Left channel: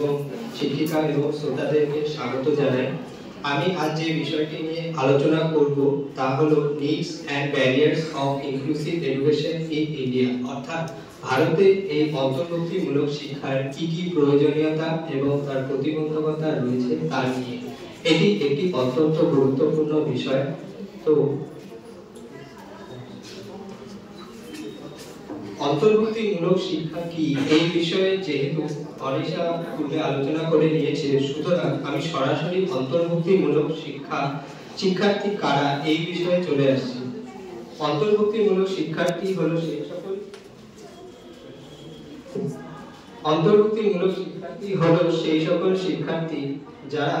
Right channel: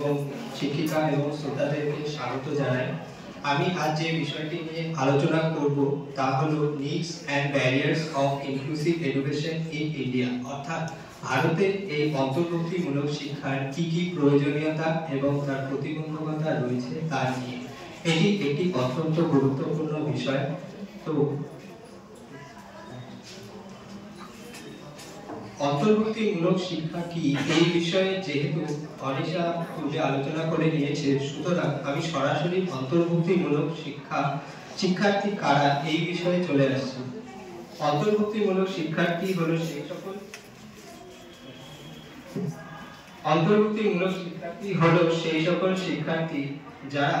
এবং শিক্ষিকা এবং শ্রোতাদেরকে স্বাগত জানাই। আমি আজ যে বিষয়টি নিয়ে আলোচনা করব তা হলো needs and barriers of inclusive education in India, অর্থাৎ ভারতে এই অন্তর্ভুক্তিমূলক শিক্ষার কি কি প্রয়োজনীয়তা এবং তার প্রতিবন্ধকতা রয়েছে তা নিয়ে। এটি একটি অত্যন্ত গুরুত্বপূর্ণ বিষয়। তো অন্তর্ভুক্তিমূলক শিক্ষা কি, এই বিষয়ে যেহেতু অনিশা পূজা আলোচনা করে নিয়েছে, সুতরাং আমি সরাসরি অন্তর্ভুক্তিমূলক শিক্ষার্থী কারা এই বিষয়ে চলে আসছি। অন্তর্ভুক্তিমূলক শিক্ষার্থী হলো সেই সকল শিক্ষার্থী যারা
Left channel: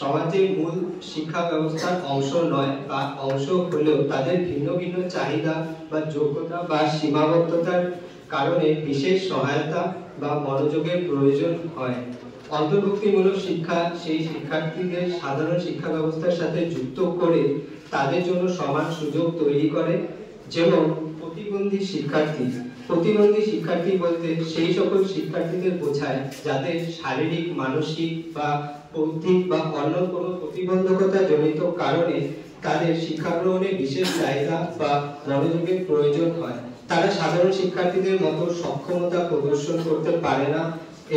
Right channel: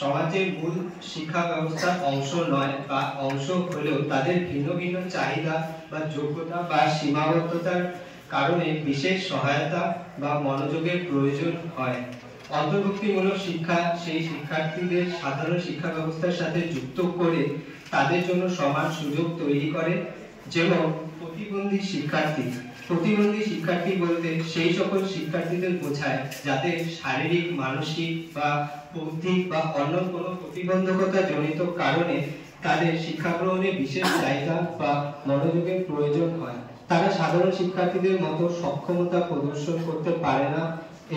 সমাজের মূল শিক্ষা ব্যবস্থার অংশ নয় বা অংশ হলেও তাদের ভিন্ন ভিন্ন চাহিদা বা যোগ্যতা বা সীমাবদ্ধতার কারণে বিশেষ সহায়তা বা মনোযোগের প্রয়োজন হয়। অন্তর্ভুক্তিমূলক শিক্ষা সেই শিক্ষার্থীদের সাধারণ শিক্ষা ব্যবস্থার সাথে যুক্ত করে তাদের জন্য সমান সুযোগ তৈরি করে। যেমন প্রতিবন্ধী শিক্ষার্থী বলতে সেই সকল শিক্ষার্থীদের বোঝায় যাদের শারীরিক, মানসিক বা বৌদ্ধিক বা অন্য কোনো প্রতিবন্ধকতা জনিত কারণে তাদের শিক্ষা গ্রহণে বিশেষ চাহিদা বা মনোযোগের প্রয়োজন হয়। তারা সাধারণ শিক্ষার্থীদের মতো সক্ষমতা প্রদর্শন করতে পারে না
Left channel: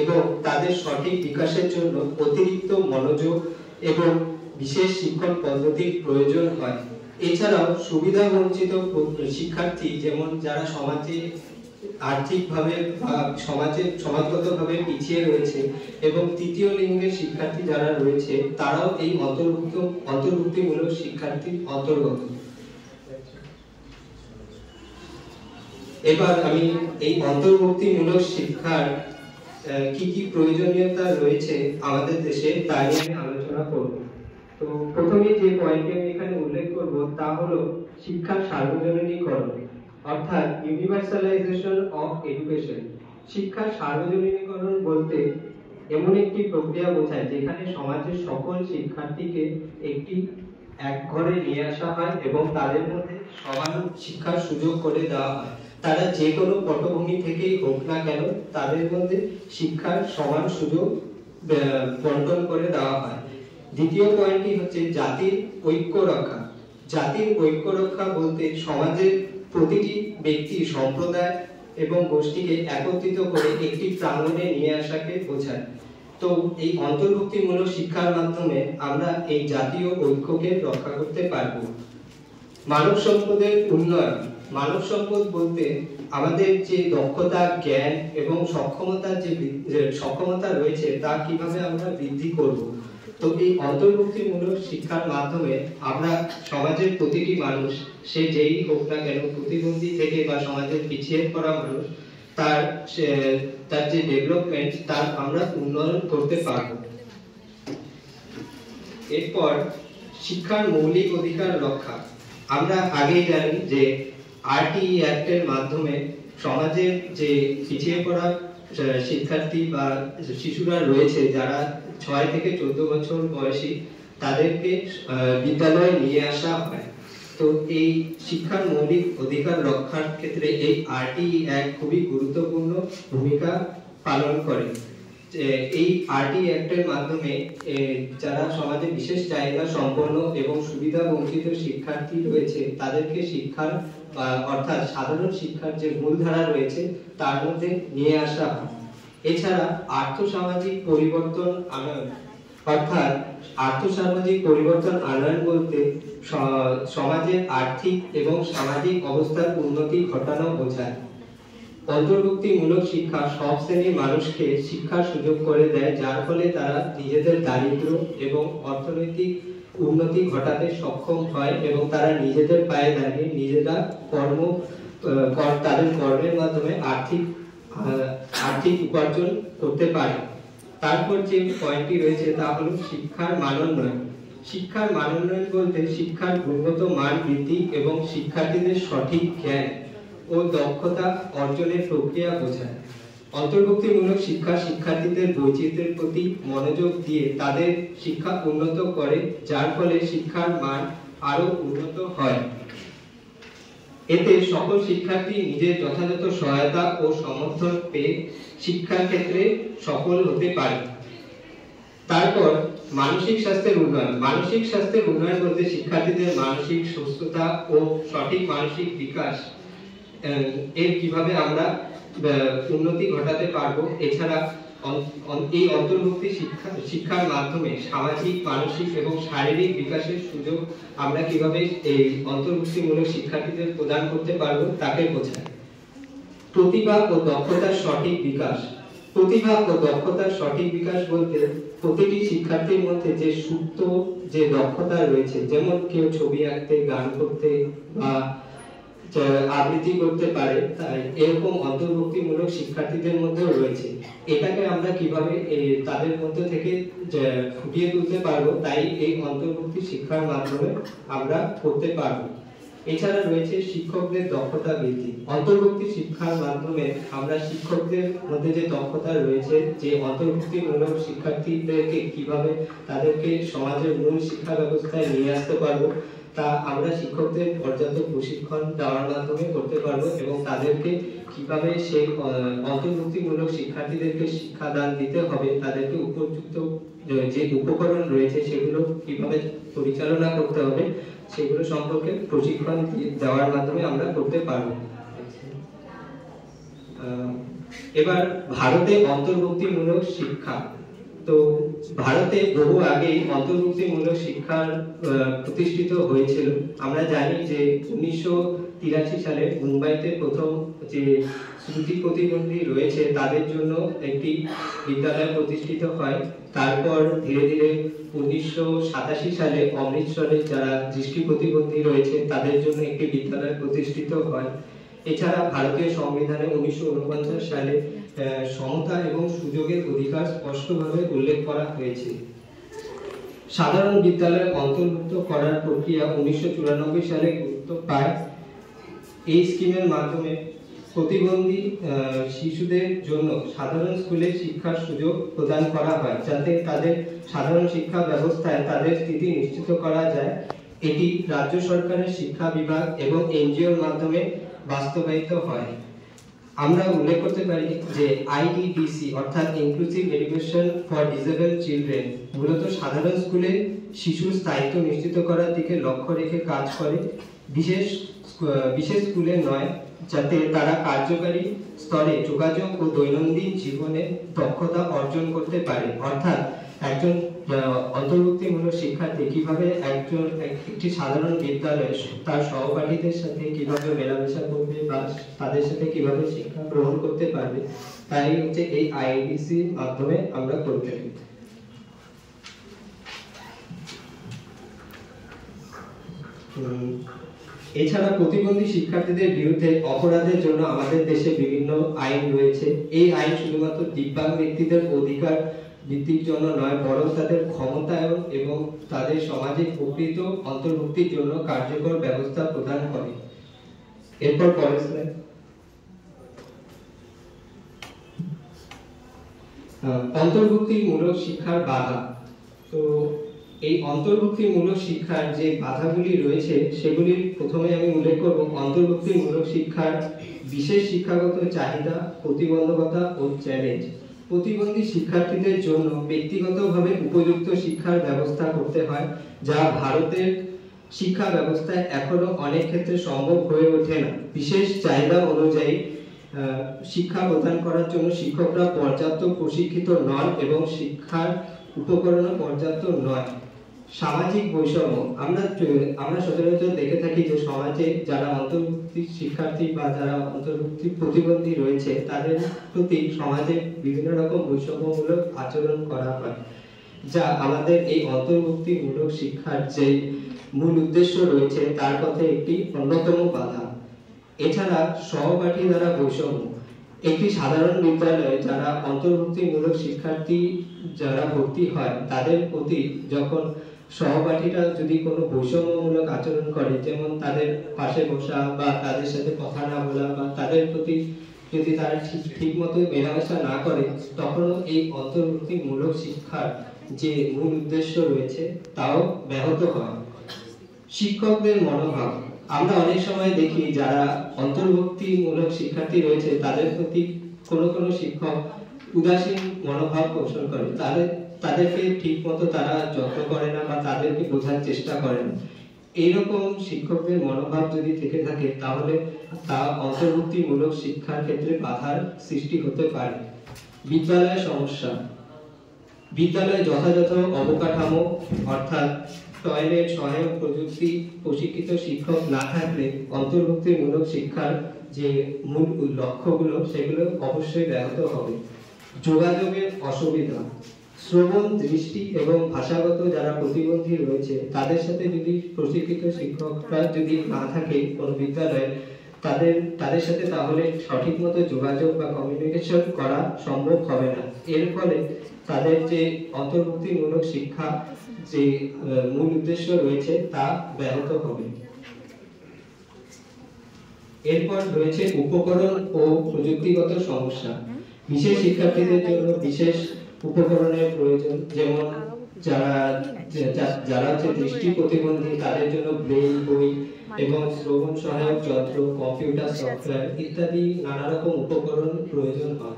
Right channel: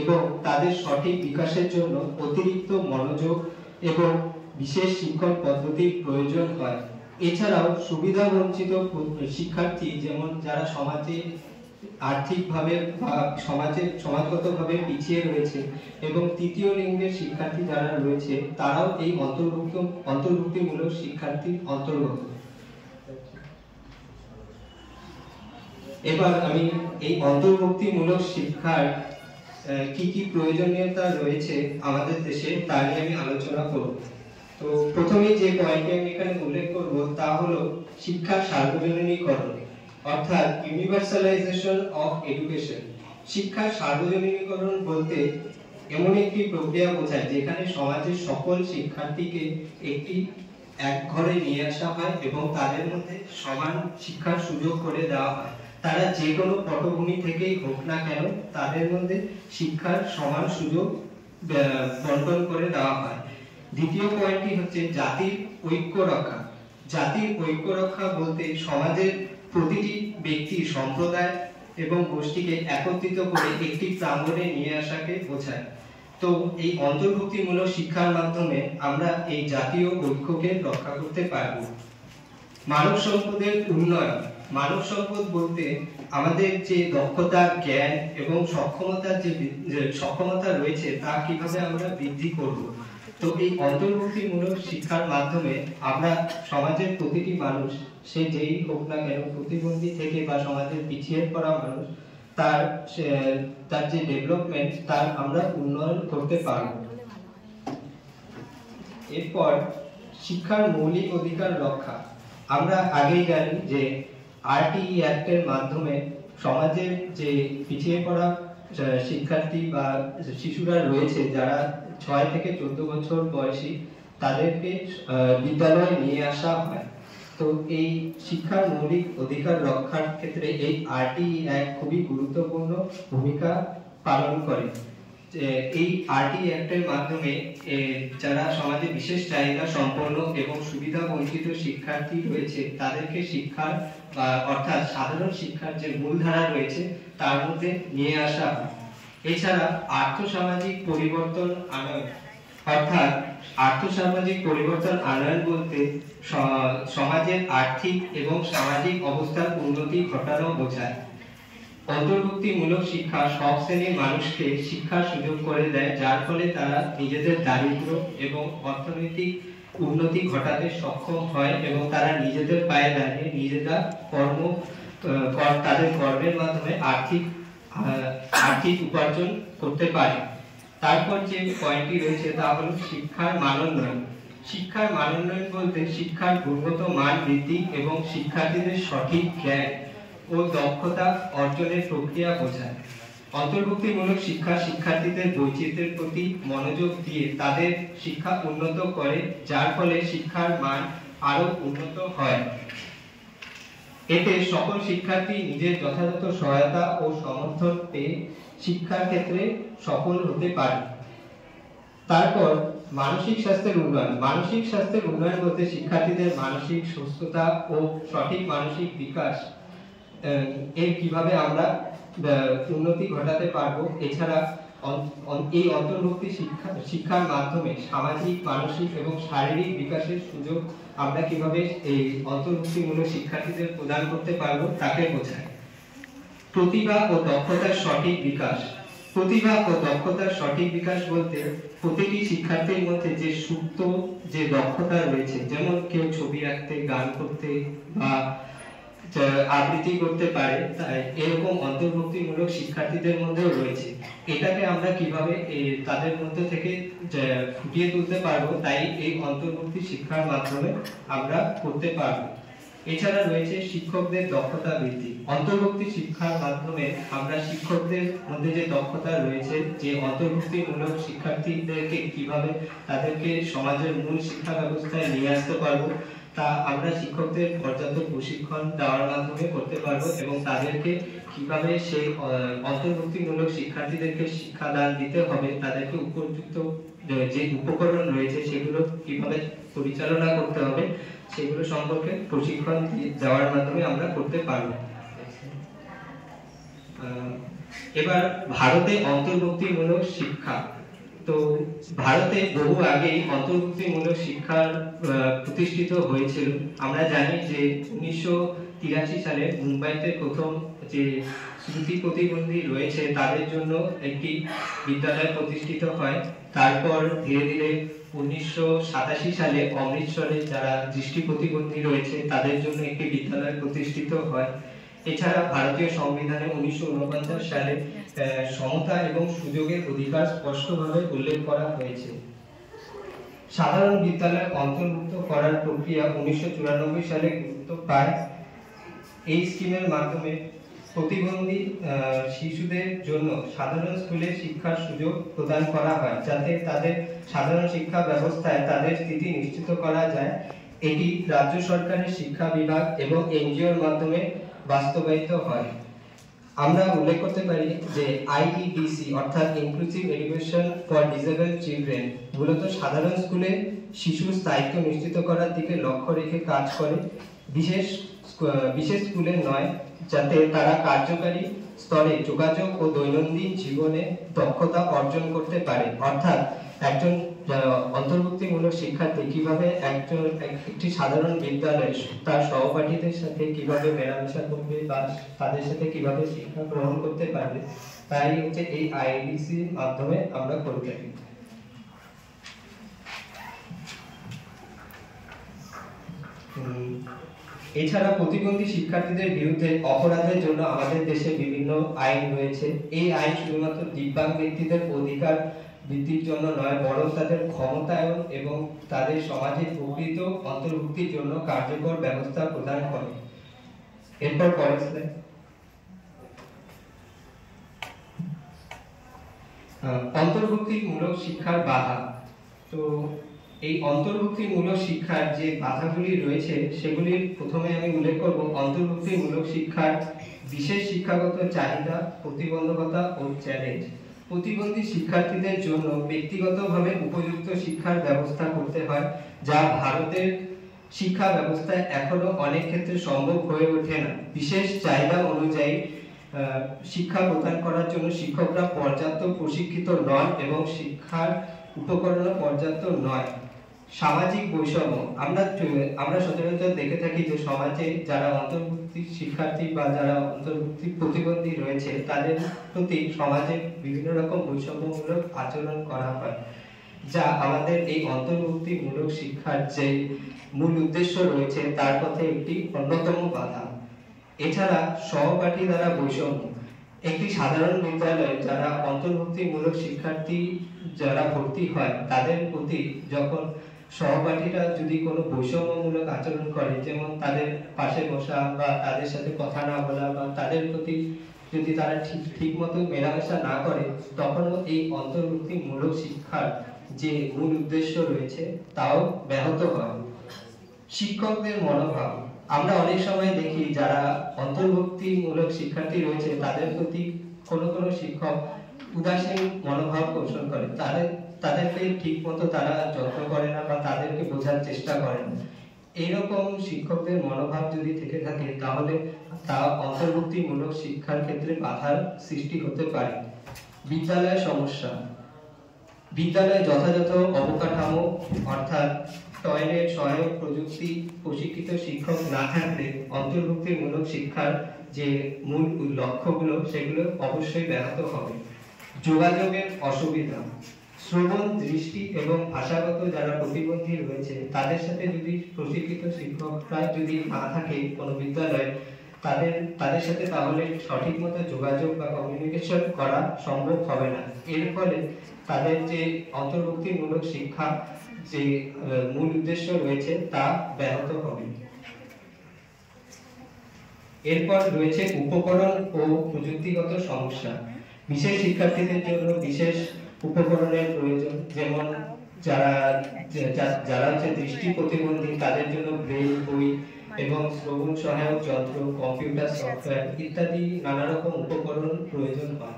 এবং তাদের সঠিক বিকাশের জন্য অতিরিক্ত মনোযোগ এবং বিশেষ শিক্ষণ পদ্ধতির প্রয়োজন হয়। এছাড়াও সুবিধা বঞ্চিত শিক্ষার্থী, যেমন যারা সমাজে আর্থিকভাবে বা সমাজগতভাবে পিছিয়ে রয়েছে, এবং তৃতীয় লিঙ্গের শিক্ষার্থী যারা রয়েছে, তারাও এই অন্তর্ভুক্তিমূলক শিক্ষার্থীর অন্তর্গত। এবার আমি এই অন্তর্ভুক্তিমূলক শিক্ষার কি কি প্রয়োজনীয়তা রয়েছে আমাদের দেশে তা নিয়ে আমি আলোচনা করব। তো প্রথমেই যে পয়েন্টটি আমি এখানে উল্লেখ করব তা হলো শিক্ষার সার্বজনীকরণ, অর্থাৎ ইউনিভার্সালাইজেশন অফ এডুকেশন। শিক্ষার সার্বজনীকরণ বলতে এমন একটি প্রক্রিয়া বোঝায় যেখানে সমাজের সকল শিক্ষার্থীকে এক ঘরে নিয়ে আসা হয় এবং তাদের মধ্যে সমান শিক্ষার সুযোগ করে দেওয়া হয়। তারা যে কোনো পটভূমি থেকেই হোক না কেন, তাদের মধ্যে শিক্ষার সমান সুযোগ বন্টন করে দেওয়া হয়। দ্বিতীয় পয়েন্টটি হচ্ছে জাতির ঐক্য রক্ষা। জাতির ঐক্য রক্ষা বলতে সমাজের প্রতিটি ব্যক্তি, সম্প্রদায় এবং গোষ্ঠীকে একত্রিত করে একটি প্রাঙ্গণে নিয়ে আসাকে বোঝায়। তো এই অন্তর্ভুক্তিমূলক শিক্ষার মাধ্যমে আমরা এই জাতীয় ঐক্যকে রক্ষা করতে পারব। মানব সম্পদের উন্নয়ন। মানব সম্পদ বলতে আমাদের যে দক্ষতা, জ্ঞান এবং সক্ষমতা রয়েছে তা কিভাবে আমরা বৃদ্ধি করব। তো এই অন্তর্ভুক্তিমূলক শিক্ষার মাধ্যমে আমরা সমাজের প্রতিটি মানুষ, সে যেই হোক না কেন, প্রতিবন্ধী থেকে বা সমাজের পিছিয়ে পড়া মানুষ, তার যে ডেভেলপমেন্ট তার আমরা উন্নয়ন করতে পারব। এরপর শিক্ষার মৌলিক অধিকার রক্ষা। আমরা আগেই জানি যে আরটিই অ্যাক্টের মাধ্যমে সমাজের যে পিছিয়ে পড়া শিক্ষার্থী বা শিশুরা রয়েছে, যারা 6 থেকে 14 বছর বয়সী, তাদেরকে বিদ্যালয়ে নিয়ে আসা হয়। তো এই শিক্ষার মৌলিক অধিকার রক্ষার ক্ষেত্রে এই আরটিই অ্যাক্ট খুবই গুরুত্বপূর্ণ ভূমিকা পালন করে। এই আরটিই অ্যাক্টের মাধ্যমে যারা সমাজে বিশেষ চাহিদা সম্পন্ন এবং সুবিধা বঞ্চিত শিক্ষার্থী রয়েছে, তাদেরকে শিক্ষার অর্থাৎ সাধারণ শিক্ষার যে মূলধারা রয়েছে তার মধ্যে নিয়ে আসা হয়। এছাড়া আর্থসামাজিক পরিবর্তন আনয়ন, অর্থাৎ আর্থসামাজিক পরিবর্তন আনয়ন বলতে সমাজের আর্থিক এবং সামাজিক অবস্থার উন্নতি ঘটানো বোঝায়। অন্তর্ভুক্তিমূলক শিক্ষা সব শ্রেণীর মানুষকে শিক্ষার সুযোগ করে দেয়, যার ফলে তারা নিজেদের দারিদ্র এবং অর্থনৈতিক উন্নতি ঘটাতে সক্ষম হয় এবং তারা নিজেদের পায়ে দাঁড়িয়ে নিজেরা তাদের কর্মের মাধ্যমে আর্থিক উপার্জন করতে পারে। তারপর যে পয়েন্টটি রয়েছে তা হলো শিক্ষার মানোন্নয়ন। শিক্ষার মানোন্নয়ন বলতে শিক্ষার গুণগত মান বৃদ্ধি এবং শিক্ষার্থীদের সঠিক জ্ঞান ও দক্ষতা অর্জনের প্রক্রিয়া বোঝায়। অন্তর্ভুক্তিমূলক শিক্ষা শিক্ষার্থীদের বৈচিত্র্যের প্রতি মনোযোগ দিয়ে তাদের শিক্ষা উন্নত করে, যার ফলে শিক্ষার মান আরো উন্নত হয়। এতে সকল শিক্ষার্থী নিজের যথাযথ সহায়তা ও সমর্থন পেয়ে শিক্ষার ক্ষেত্রে সফল হতে পারে। তারপর মানসিক স্বাস্থ্যের উন্নয়ন। মানসিক স্বাস্থ্যের উন্নয়ন বলতে শিক্ষার্থীদের মানসিক সুস্থতা ও সঠিক মানসিক বিকাশ এর কিভাবে আমরা উন্নতি ঘটাতে পারবো। এছাড়া এই অন্তর্ভুক্তি শিক্ষার মাধ্যমে সামাজিক, মানসিক এবং শারীরিক বিকাশের সুযোগ আমরা কিভাবে এই অন্তর্ভুক্তিমূলক শিক্ষার্থীদের প্রদান করতে পারবো তাকে বোঝায়। প্রতিভা ও দক্ষতার সঠিক বিকাশ। প্রতিভা ও দক্ষতার সঠিক বিকাশ বলতে প্রতিটি শিক্ষার্থীর মধ্যে যে সুপ্ত যে দক্ষতা রয়েছে, যেমন কেউ ছবি আঁকতে, গান করতে বা আবৃত্তি করতে পারে, তাই এরকম অন্তর্ভুক্তিমূলক শিক্ষার্থীদের মধ্যেও রয়েছে। এটাকে আমরা কিভাবে তাদের মধ্যে থেকে ফুটিয়ে তুলতে পারবো, তাই এই অন্তর্ভুক্তি শিক্ষার মাধ্যমে আমরা করতে পারবো। এছাড়া রয়েছে শিক্ষকদের দক্ষতা বৃদ্ধি। অন্তর্ভুক্তি শিক্ষার মাধ্যমে আমরা শিক্ষকদের মধ্যে যে দক্ষতা রয়েছে, যে অন্তর্ভুক্তিমূলক শিক্ষার্থীদেরকে কিভাবে তাদেরকে সমাজের মূল শিক্ষা ব্যবস্থায় নিয়ে আসতে পারবো, তা আমরা শিক্ষকদের পর্যাপ্ত প্রশিক্ষণ দেওয়ার মাধ্যমে করতে পারবো এবং তাদেরকে কিভাবে সেই অন্তর্ভুক্তিমূলক শিক্ষার্থীদেরকে শিক্ষাদান দিতে হবে, তাদেরকে উপযুক্ত যে উপকরণ রয়েছে সেগুলো কিভাবে পরিচালনা করতে হবে সেগুলো সম্পর্কে প্রশিক্ষণ দেওয়ার মাধ্যমে আমরা করতে পারবো। এবার ভারতে অন্তর্ভুক্তিমূলক শিক্ষা। তো ভারতে বহু আগেই অন্তর্ভুক্তিমূলক শিক্ষা প্রতিষ্ঠিত হয়েছিল। আমরা জানি যে 1983 সালে মুম্বাইতে প্রথম যে শ্রুতি প্রতিবন্ধী রয়েছে তাদের জন্য একটি বিদ্যালয় প্রতিষ্ঠিত হয়। তারপর ধীরে ধীরে 1987 সালে অমৃতসরে যারা দৃষ্টি প্রতিবন্ধী রয়েছে তাদের জন্য একটি বিদ্যালয় প্রতিষ্ঠিত হয়। এছাড়া ভারতীয় সংবিধানে 1949 সালে সমতা এবং সুযোগের অধিকার স্পষ্টভাবে উল্লেখ করা হয়েছে। সাধারণ বিদ্যালয় অন্তর্ভুক্ত করার প্রক্রিয়া 1994 সালে গুরুত্ব পায়। এই স্কিমের মাধ্যমে প্রতিবন্ধী শিশুদের জন্য সাধারণ স্কুলে শিক্ষার সুযোগ প্রদান করা হয়, যাতে তাদের সাধারণ শিক্ষা ব্যবস্থায় তাদের স্থিতি নিশ্চিত করা যায়। এটি রাজ্য সরকারের শিক্ষা বিভাগ এবং এনজিওর মাধ্যমে বাস্তবায়িত হয়। আমরা উল্লেখ করতে পারি যে আইইডিসি অর্থাৎ inclusive education for disable children মূলত সাধারণ স্কুলে শিশুর স্থায়িত্ব নিশ্চিত করার দিকে লক্ষ্য রেখে কাজ করে, বিশেষ স্কুলে নয়, যাতে তারা কার্যকারী স্তরে যোগাযোগ ও দৈনন্দিন জীবনে দক্ষতা অর্জন করতে পারে। অর্থাৎ একজন অন্তর্ভুক্তিমূলক শিক্ষার্থী কিভাবে একটি সাধারণ বিদ্যালয়ে তার সহপাঠীদের সাথে কিভাবে মেলামেশা করবে বা তাদের সাথে কিভাবে শিক্ষা গ্রহণ করতে পারবে, তাই হচ্ছে এই আইডিসির মাধ্যমে আমরা করে থাকি। এছাড়া প্রতিবন্ধী শিক্ষার্থীদের বিরুদ্ধে অপরাধের জন্য আমাদের দেশে বিভিন্ন আইন রয়েছে। এই আইন শুধুমাত্র দিব্যাঙ্গ ব্যক্তিদের অধিকার বৃদ্ধির জন্য নয়, বরং তাদের ক্ষমতায়ন এবং তাদের সমাজে প্রকৃত অন্তর্ভুক্তির জন্য কার্যকর ব্যবস্থা প্রদান করে। এরপর পরের স্লাইড। অন্তর্ভুক্তিমূলক শিক্ষার বাধা। তো এই অন্তর্ভুক্তিমূলক শিক্ষার যে বাধাগুলি রয়েছে সেগুলির প্রথমে আমি উল্লেখ করব অন্তর্ভুক্তিমূলক শিক্ষার বিশেষ শিক্ষাগত চাহিদা, প্রতিবন্ধকতা ও চ্যালেঞ্জ। প্রতিবন্ধী শিক্ষার্থীদের জন্য ব্যক্তিগতভাবে উপযুক্ত শিক্ষার ব্যবস্থা করতে হয়, যা ভারতের শিক্ষা ব্যবস্থায় এখনো অনেক ক্ষেত্রে সম্ভব হয়ে ওঠে না। বিশেষ চাহিদা অনুযায়ী শিক্ষা প্রদান করার জন্য শিক্ষকরা পর্যাপ্ত প্রশিক্ষিত নন এবং শিক্ষার উপকরণ পর্যাপ্ত নয়। সামাজিক বৈষম্য। আমরা সচরাচর দেখে থাকি যে সমাজে যারা অন্তর্ভুক্তি শিক্ষার্থী বা যারা অন্তর্ভুক্তি প্রতিবন্ধী রয়েছে তাদের প্রতি সমাজে বিভিন্ন রকম বৈষম্যমূলক আচরণ করা হয়, যা আমাদের এই অন্তর্ভুক্তিমূলক শিক্ষার যে মূল উদ্দেশ্য রয়েছে তার পথে একটি অন্যতম বাধা। এছাড়া সহপাঠী দ্বারা বৈষম্য। একটি সাধারণ বিদ্যালয়ে যারা অন্তর্ভুক্তিমূলক শিক্ষার্থী যারা ভর্তি হয় তাদের প্রতি যখন সহপাঠীরা যদি কোনো বৈষম্যমূলক আচরণ করে, যেমন তাদের পাশে বসা বা তাদের সাথে কথা না বলা বা তাদের প্রতি যদি তারা ঠিক মতো মেলামেশা না করে, তখনও এই অন্তর্ভুক্তিমূলক শিক্ষার যে মূল উদ্দেশ্য রয়েছে তাও ব্যাহত হয়। শিক্ষকদের মনোভাব। আমরা অনেক সময় দেখি যারা অন্তর্ভুক্তিমূলক শিক্ষার্থী রয়েছে তাদের প্রতি কোনো শিক্ষক উদাসীন মনোভাব পোষণ করে, তাদেরকে ঠিক মতো তারা যত্ন করে না বা তাদেরকে বোঝার চেষ্টা করে না। এইরকম শিক্ষকদের মনোভাব যদি থেকে থাকে তাহলে তা অন্তর্ভুক্তিমূলক শিক্ষার ক্ষেত্রে বাধার সৃষ্টি হতে পারে। বিদ্যালয়ের সমস্যা। বিদ্যালয়ে যথাযথ অবকাঠামো অর্থাৎ টয়লেট, সহায়ক প্রযুক্তি, প্রশিক্ষিত শিক্ষক না থাকলে অন্তর্ভুক্তিমূলক শিক্ষার যে মূল লক্ষ্যগুলো সেগুলো অবশ্যই ব্যাহত হবে। যোগাযোগের অসুবিধা। শ্রবণ, দৃষ্টি এবং ভাষাগত যারা প্রতিবন্ধী রয়েছে তাদের সাথে যদি প্রশিক্ষিত শিক্ষকরা যদি না থাকে কোনো বিদ্যালয়ে, তাদের সাথে তাহলে সঠিক মতো যোগাযোগ বা কমিউনিকেশন করা সম্ভব হবে না। এর ফলে তাদের যে অন্তর্ভুক্তিমূলক শিক্ষা যে মূল উদ্দেশ্য রয়েছে তা ব্যাহত হবে। এরপর রয়েছে উপকরণ ও প্রযুক্তিগত সমস্যা। বিশেষ শিক্ষার্থীদের জন্য বিশেষ উপকরণের প্রয়োজন, যেমন যারা হচ্ছে দৃষ্টি প্রতিবন্ধী তাদের জন্য ব্রেইল বই এবং শ্রবণ সহায়ক যন্ত্র, কম্পিউটার সফটওয়্যার ইত্যাদি নানা রকম উপকরণ প্রয়োজন হয়।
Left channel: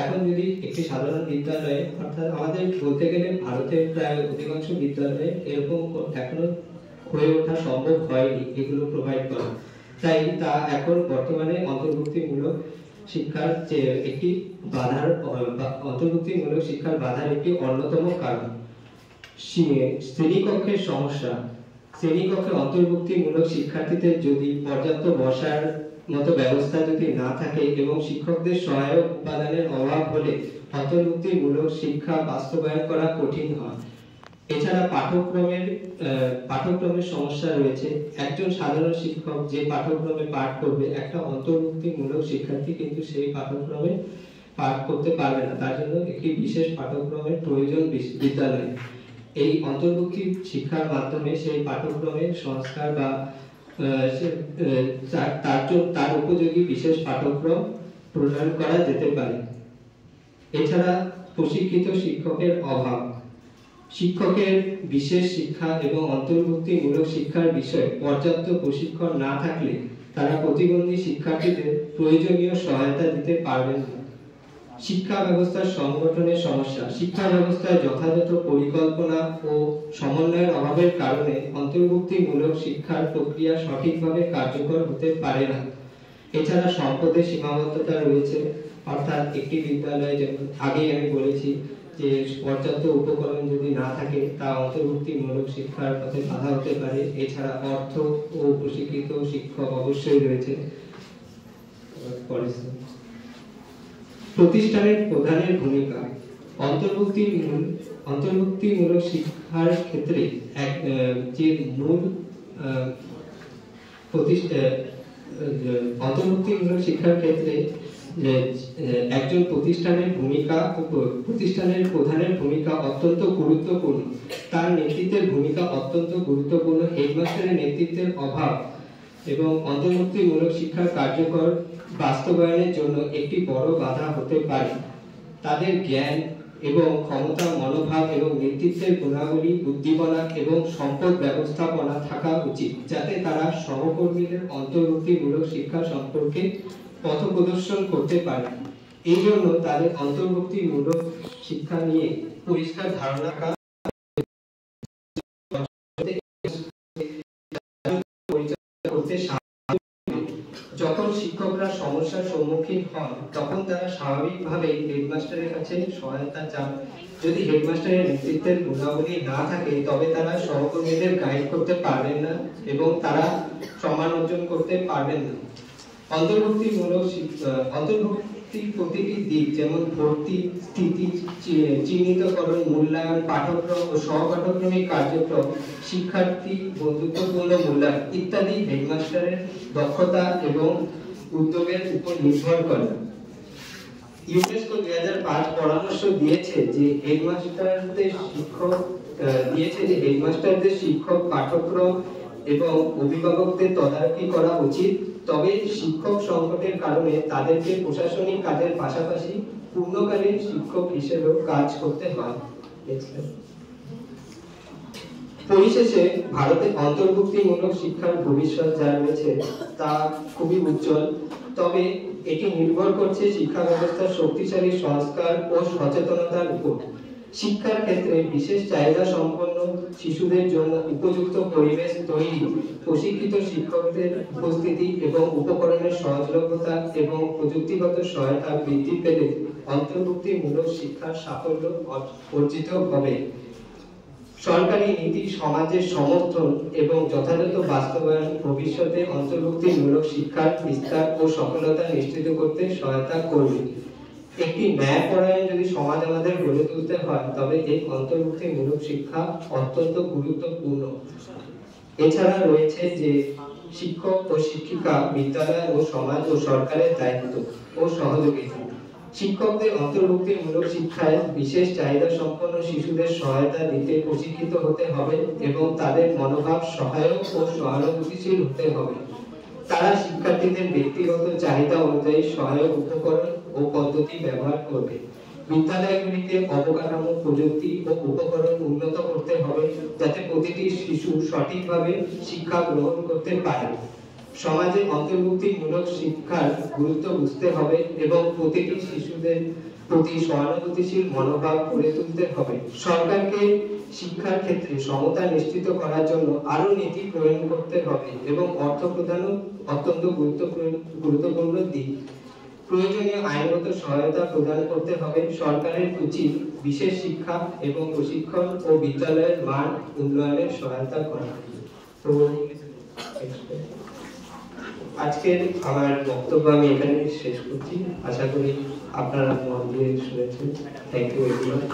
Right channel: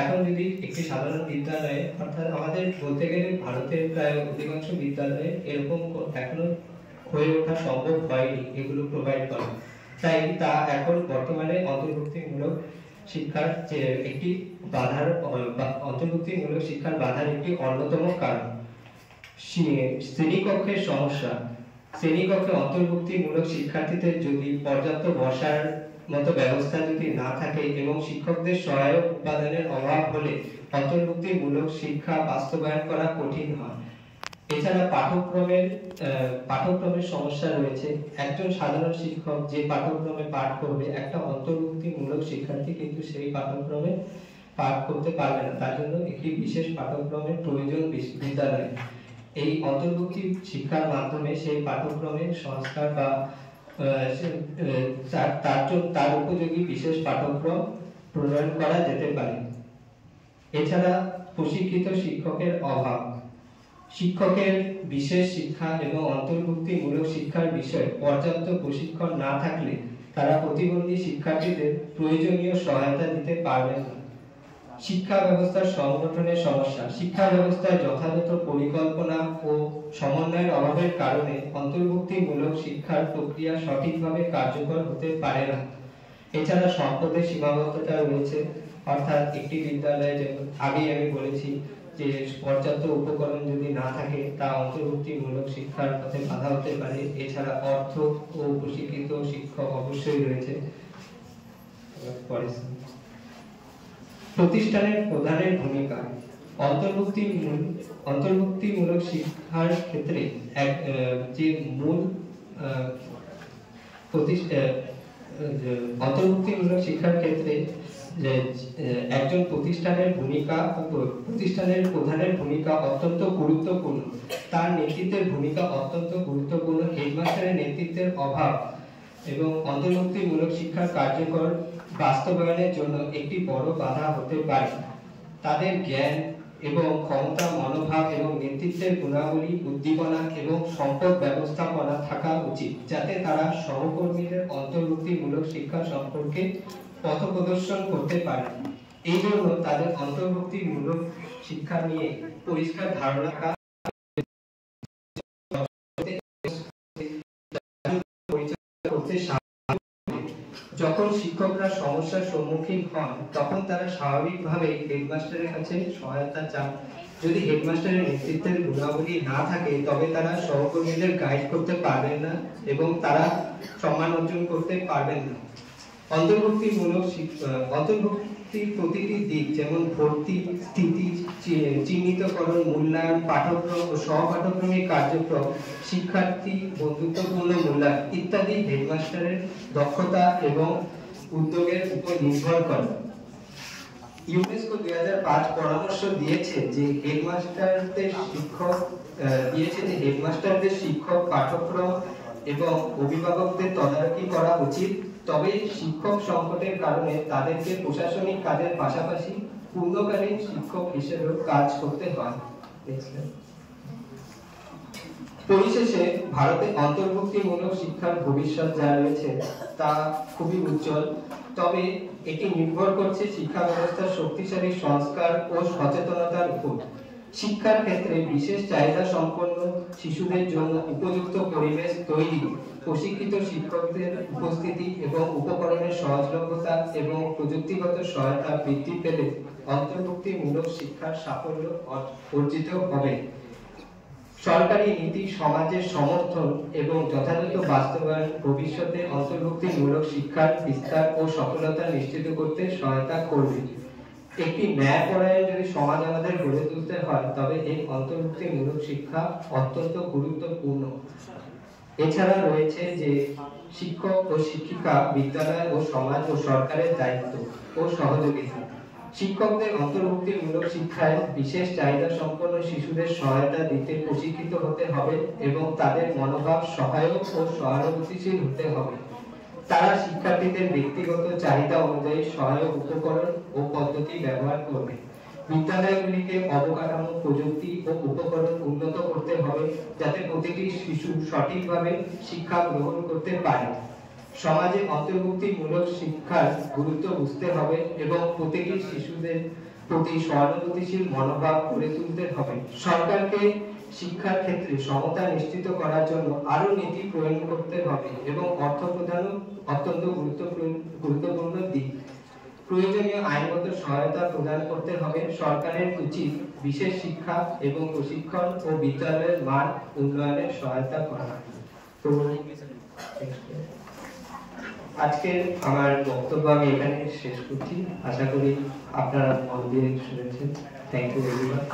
এখন যদি একটি সাধারণ বিদ্যালয়ে, অর্থাৎ আমাদের বলতে গেলে ভারতের প্রায় অধিকাংশ বিদ্যালয়ে এরকম এখনো হয়ে ওঠা সম্ভব হয়নি এগুলো প্রোভাইড করা, তাই তা এখন বর্তমানে অন্তর্ভুক্তিমূলক শিক্ষার যে একটি বাধার অন্তর্ভুক্তিমূলক শিক্ষার বাধার একটি অন্যতম কারণ। শ্রেণীকক্ষের সমস্যা। শ্রেণীকক্ষে অন্তর্ভুক্তিমূলক শিক্ষার্থীদের যদি পর্যাপ্ত বসার মতো ব্যবস্থা যদি না থাকে এবং শিক্ষকদের সহায়ক উপাদানের অভাব হলে অন্তর্ভুক্তিমূলক শিক্ষা বাস্তবায়ন করা কঠিন হয়। এছাড়া পাঠ্যক্রমের সমস্যা রয়েছে। একজন সাধারণ শিক্ষক যে পাঠ্যক্রমে পাঠ করবে, একটা অন্তর্ভুক্তিমূলক শিক্ষার্থী কিন্তু সেই পাঠ্যক্রমে পাঠ করতে পারবে না, তার জন্য একটি বিশেষ পাঠ্যক্রমের প্রয়োজন বিদ্যালয়ে। এই অন্তর্ভুক্তি শিক্ষার মাধ্যমে সেই পাঠ্যক্রমের সংস্কার বা তার উপযোগী বিশেষ পাঠ্যক্রম প্রণয়ন করা যেতে পারে। এছাড়া প্রশিক্ষিত শিক্ষকের অভাব। শিক্ষকের বিশেষ শিক্ষা এবং অন্তর্ভুক্তিমূলক শিক্ষার বিষয়ে পর্যাপ্ত প্রশিক্ষণ না থাকলে তারা প্রতিবন্ধী শিক্ষার্থীদের প্রয়োজনীয় সহায়তা দিতে পারবেন না। শিক্ষা ব্যবস্থার সংগঠনের সমস্যা। শিক্ষা ব্যবস্থায় যথাযথ পরিকল্পনা ও সমন্বয়ের অভাবের কারণে অন্তর্ভুক্তিমূলক শিক্ষার প্রক্রিয়া সঠিকভাবে কার্যকর হতে পারে না। এছাড়া সম্পদের সীমাবদ্ধতা রয়েছে, অর্থাৎ একটি বিদ্যালয়ে, যেমন আগেই আমি বলেছি যে পর্যাপ্ত উপকরণ যদি না থাকে তা অন্তর্ভুক্তিমূলক শিক্ষার পথে বাধা হতে পারে। এছাড়া অর্থ ও প্রশিক্ষিত শিক্ষক অবশ্যই রয়েছে। প্রতিষ্ঠানের প্রধানের ভূমিকা। অন্তর্ভুক্তিমূলক শিক্ষার ক্ষেত্রে অন্তর্ভুক্তিমূলক শিক্ষার ক্ষেত্রে একজন প্রতিষ্ঠানের প্রধানের ভূমিকা অত্যন্ত গুরুত্বপূর্ণ। তার নেতৃত্বের ভূমিকা অত্যন্ত গুরুত্বপূর্ণ। হেডমাস্টারের নেতৃত্বের অভাব এবং অন্তর্ভুক্তিমূলক শিক্ষার কার্যকর বাস্তবায়নের জন্য একটি বড় বাধা হতে পারে। তাদের জ্ঞান এবং ক্ষমতা, মনোভাব এবং নেতৃত্বের গুণাবলী, উদ্দীপনা এবং সম্পদ ব্যবস্থাপনা থাকা উচিত, যাতে তারা সহকর্মীদের অন্তর্ভুক্তিমূলক শিক্ষা সম্পর্কে পথ প্রদর্শন করতে পারে। এই জন্য তাদের অন্তর্ভুক্তিমূলক শিক্ষা নিয়ে পরিষ্কার ধারণা করতে। যখন শিক্ষকরা সমস্যার সম্মুখীন হন তখন তারা স্বাভাবিকভাবে হেডমাস্টারের কাছে সহায়তা চান। যদি হেডমাস্টারের নেতৃত্বের গুণাবলী না থাকে তবে তারা সহকর্মীদের গাইড করতে পারবেন না এবং তারা সম্মান অর্জন করতে পারবেন না। অন্তর্ভুক্তির প্রতিটি দিক, যেমন ভর্তি, স্থিতি, চিহ্নিতকরণ, মূল্যায়ন, পাঠ্যক্রম ও সহপাঠক্রমিক কার্যক্রম, শিক্ষার্থী বন্ধুত্বপূর্ণ মূল্যায়ন ইত্যাদি হেডমাস্টারের দক্ষতা এবং উদ্যোগের উপর নির্ভর করে। ইউনেস্কো 2005 পরামর্শ দিয়েছে যে হেডমাস্টারদের শিক্ষক, পাঠ্যক্রম এবং অভিভাবকদের তদারকি করা উচিত। তবে শিক্ষক সংকটের কারণে তাদেরকে প্রশাসনিক কাজের পাশাপাশি পূর্ণকালীন শিক্ষক হিসেবেও কাজ করতে হয়। পরিশেষে ভারতে অন্তর্ভুক্তিমূলক শিক্ষার ভবিষ্যৎ যা রয়েছে তা খুবই উজ্জ্বল, তবে এটি নির্ভর করছে শিক্ষা ব্যবস্থার শক্তিশালী সংস্কার ও সচেতনতার উপর। শিক্ষার ক্ষেত্রে বিশেষ চাহিদা সম্পন্ন শিশুদের জন্য উপযুক্ত পরিবেশ তৈরি, প্রশিক্ষিত শিক্ষকদের উপস্থিতি এবং উপকরণের সহজলভ্যতা এবং প্রযুক্তিগত সহায়তা বৃদ্ধি পেলে অন্তর্ভুক্তিমূলক শিক্ষার সাফল্য অর্জিত হবে। সরকারি নীতি, সমাজের সমর্থন এবং যথাযথ বাস্তবায়ন ভবিষ্যতে অন্তর্ভুক্তিমূলক শিক্ষার বিস্তার ও সফলতা নিশ্চিত করতে সহায়তা করবে। একটি ন্যায়পরায়ণ যদি সমাজ আমাদের গড়ে তুলতে হয়, তবে এই অন্তর্ভুক্তিমূলক শিক্ষা অত্যন্ত গুরুত্বপূর্ণ। এছাড়া রয়েছে যে শিক্ষক ও শিক্ষিকা, বিদ্যালয় ও সমাজ ও সরকারের দায়িত্ব ও সহযোগিতা। শিক্ষকদের অন্তর্ভুক্তিমূলক শিক্ষায় বিশেষ চাহিদা সম্পন্ন শিশুদের সহায়তা দিতে প্রশিক্ষিত হতে হবে এবং তাদের মনোভাব সহায়ক ও সহানুভূতিশীল হতে হবে। তারা শিক্ষার্থীদের ব্যক্তিগত চাহিদা অনুযায়ী সহায়ক উপকরণ ও পদ্ধতি ব্যবহার করবে। বিদ্যালয়গুলিকে অবকাঠামো, প্রযুক্তি ও উপকরণ উন্নত করতে হবে যাতে প্রতিটি শিশু সঠিকভাবে শিক্ষা গ্রহণ করতে পারে। সমাজে অন্তর্ভুক্তিমূলক শিক্ষার গুরুত্ব বুঝতে হবে এবং প্রতিটি শিশুদের প্রতি সহানুভূতিশীল মনোভাব গড়ে তুলতে হবে। সরকারকে শিক্ষার ক্ষেত্রে সমতা নিশ্চিত করার জন্য আরো নীতি প্রণয়ন করতে হবে এবং অর্থ প্রদানও অত্যন্ত গুরুত্বপূর্ণ দিক। প্রয়োজনীয় আইনগত সহায়তা প্রদান করতে হবে। সরকারের উচিত বিশেষ শিক্ষা এবং প্রশিক্ষণ ও বিদ্যালয়ের মান উন্নয়নে সহায়তা করা। তো আজকের আমার বক্তব্য আমি এখানে শেষ করছি। আশা করি আপনারা মন দিয়ে শুনেছেন। Thank you everyone.